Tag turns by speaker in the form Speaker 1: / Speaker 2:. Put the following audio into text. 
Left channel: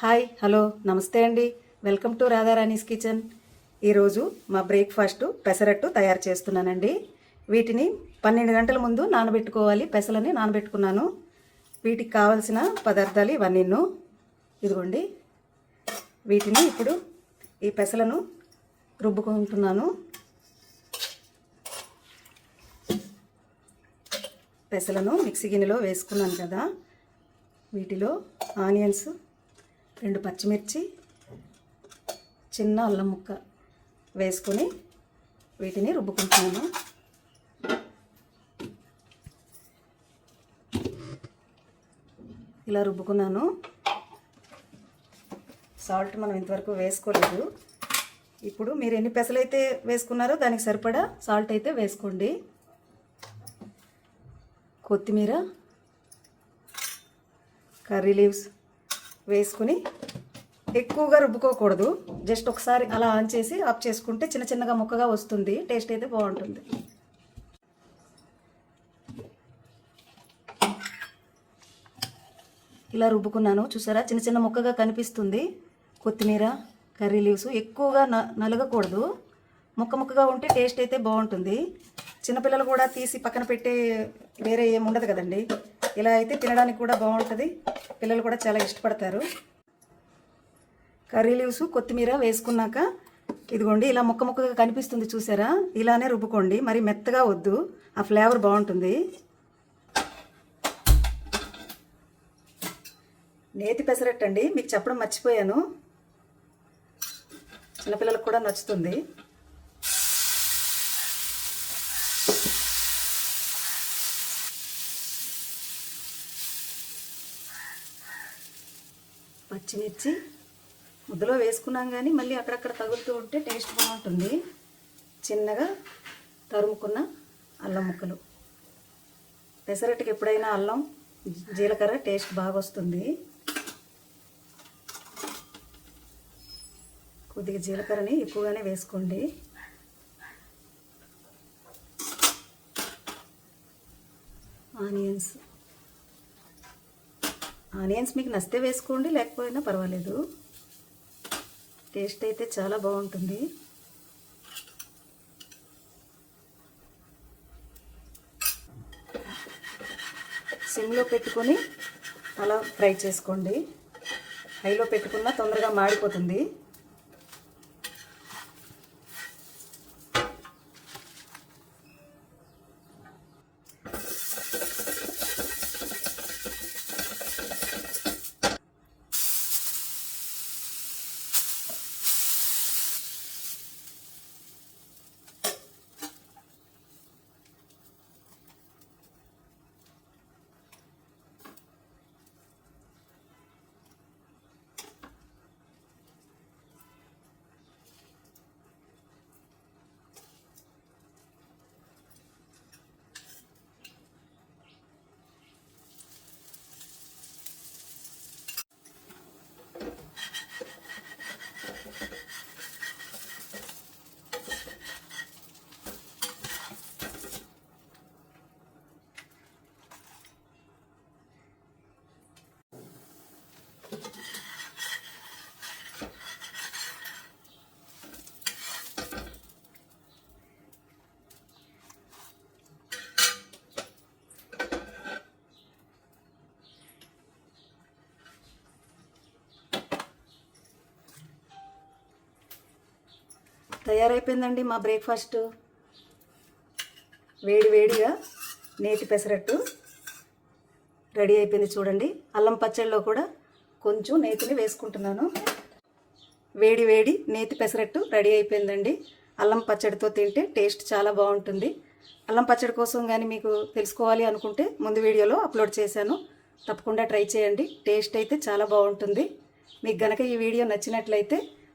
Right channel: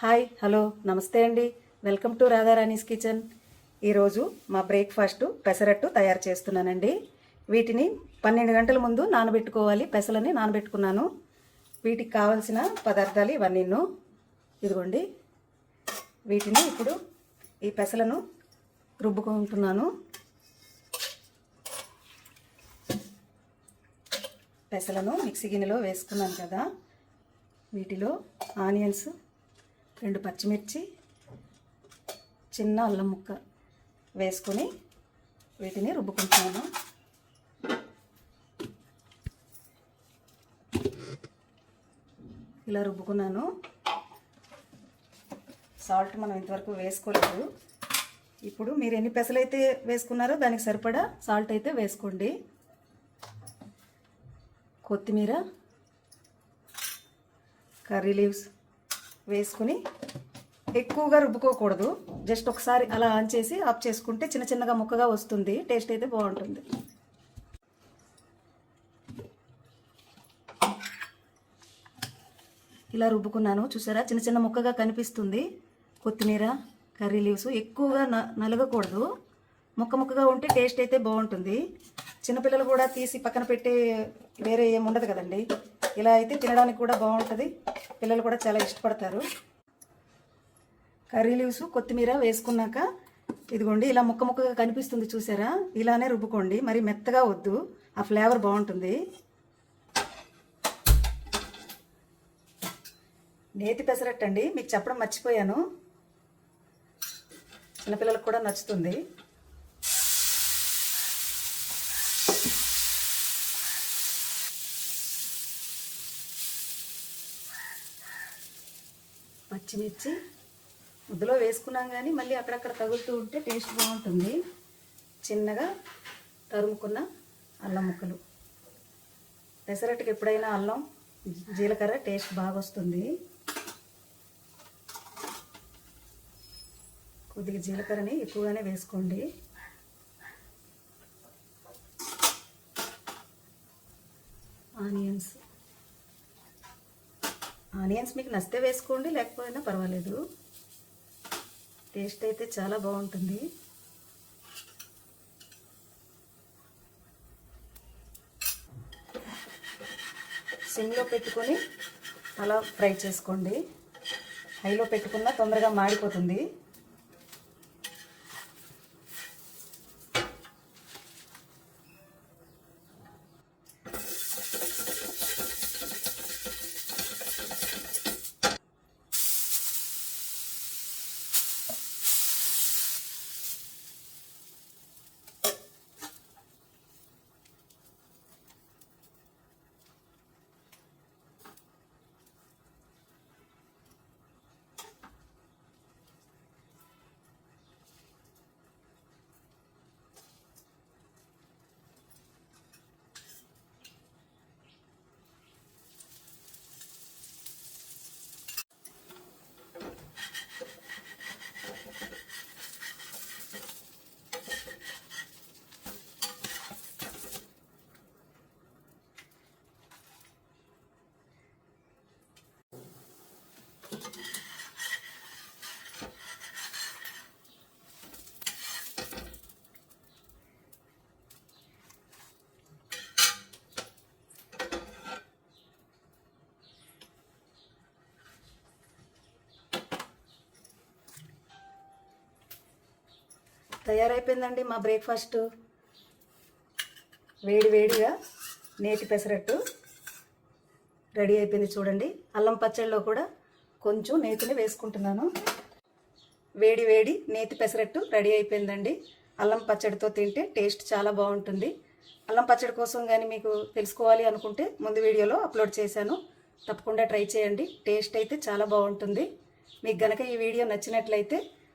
Speaker 1: Hi hello నమస్తే అండి. Welcome to Radharani's kitchen. ఈరోజు మా బ్రేక్ఫాస్ట్ పెసరట్టు తయారు చేస్తున్నానండి. వీటిని పన్నెండు గంటల ముందు నానబెట్టుకోవాలి. పెసలని నానబెట్టుకున్నాను. వీటికి కావలసిన పదార్థాలు ఇవన్నీ ఇదిగోండి. వీటిని ఇప్పుడు ఈ పెసలను రుబ్బుకుంటున్నాను. పెసలను మిక్సీ గిన్నెలో వేసుకున్నాను కదా. వీటిలో ఆనియన్స్ రెండు పచ్చిమిర్చి చిన్న అల్లం ముక్క వేసుకొని వీటిని రుబ్బుకుంటున్నాను. ఇలా రుబ్బుకున్నాను. సాల్ట్ మనం ఇంతవరకు వేసుకోలేదు. ఇప్పుడు మీరు ఎన్ని పెసలు అయితే వేసుకున్నారో దానికి సరిపడా సాల్ట్ అయితే వేసుకోండి. కొత్తిమీర కర్రీ లీవ్స్ వేసుకుని ఎక్కువగా రుబ్బుకోకూడదు. జస్ట్ ఒకసారి అలా ఆన్ చేసి ఆఫ్ చేసుకుంటే చిన్న చిన్నగా ముక్కగా వస్తుంది. టేస్ట్ అయితే బాగుంటుంది. ఇలా రుబ్బుకున్నాను. చూసారా? చిన్న చిన్న ముక్కగా కనిపిస్తుంది. కొత్తిమీర కర్రీ లీవ్స్ ఎక్కువగా నలగకూడదు. ముక్క ముక్కగా ఉంటే టేస్ట్ అయితే బాగుంటుంది. చిన్నపిల్లలు కూడా తీసి పక్కన పెట్టే వేరే ఏమి ఉండదు కదండి. ఇలా అయితే తినడానికి కూడా బాగుంటుంది. పిల్లలు కూడా చాలా ఇష్టపడతారు. కర్రీ లీవ్స్ కొత్తిమీర వేసుకున్నాక ఇదిగోండి ఇలా ముక్క ముక్కగా కనిపిస్తుంది చూసారా? ఇలానే రుబ్బుకోండి. మరి మెత్తగా వద్దు. ఆ ఫ్లేవర్ బాగుంటుంది. నేతి పెసరట్టండి. మీకు చెప్పడం మర్చిపోయాను. చిన్నపిల్లలకు కూడా నచ్చుతుంది. పచ్చిమిర్చి ముద్దలో వేసుకున్నాం కానీ మళ్ళీ అక్కడక్కడ తగులుతూ ఉంటే టేస్ట్ బాగుంటుంది. చిన్నగా తరుముకున్న అల్లం ముక్కలు. పెసరట్టుకి ఎప్పుడైనా అల్లం జీలకర్ర టేస్ట్ బాగా వస్తుంది కొద్దిగా జీలకర్రని ఎక్కువగానే వేసుకోండి. ఆనియన్స్. ఆనియన్స్ మీకు నచ్చితే వేసుకోండి లేకపోయినా పర్వాలేదు. టేస్ట్ అయితే చాలా బాగుంటుంది. సిమ్లో పెట్టుకొని అలా ఫ్రై చేసుకోండి. హైలో పెట్టుకున్నా తొందరగా మాడిపోతుంది. తయారైపోయిందండి మా బ్రేక్ఫాస్ట్. వేడి వేడిగా నేతి పెసరట్టు రెడీ అయిపోయింది చూడండి. అల్లం పచ్చడిలో కూడా కొంచెం నేతిని వేసుకుంటున్నాను. వేడి వేడి నేతి పెసరట్టు రెడీ అయిపోయిందండి. అల్లం పచ్చడితో తింటే టేస్ట్ చాలా బాగుంటుంది. అల్లం పచ్చడి కోసం కానీ మీకు తెలుసుకోవాలి అనుకుంటే ముందు వీడియోలో అప్లోడ్ చేశాను. తప్పకుండా ట్రై చేయండి. టేస్ట్ అయితే చాలా బాగుంటుంది. మీకు గనక ఈ వీడియో నచ్చినట్లయితే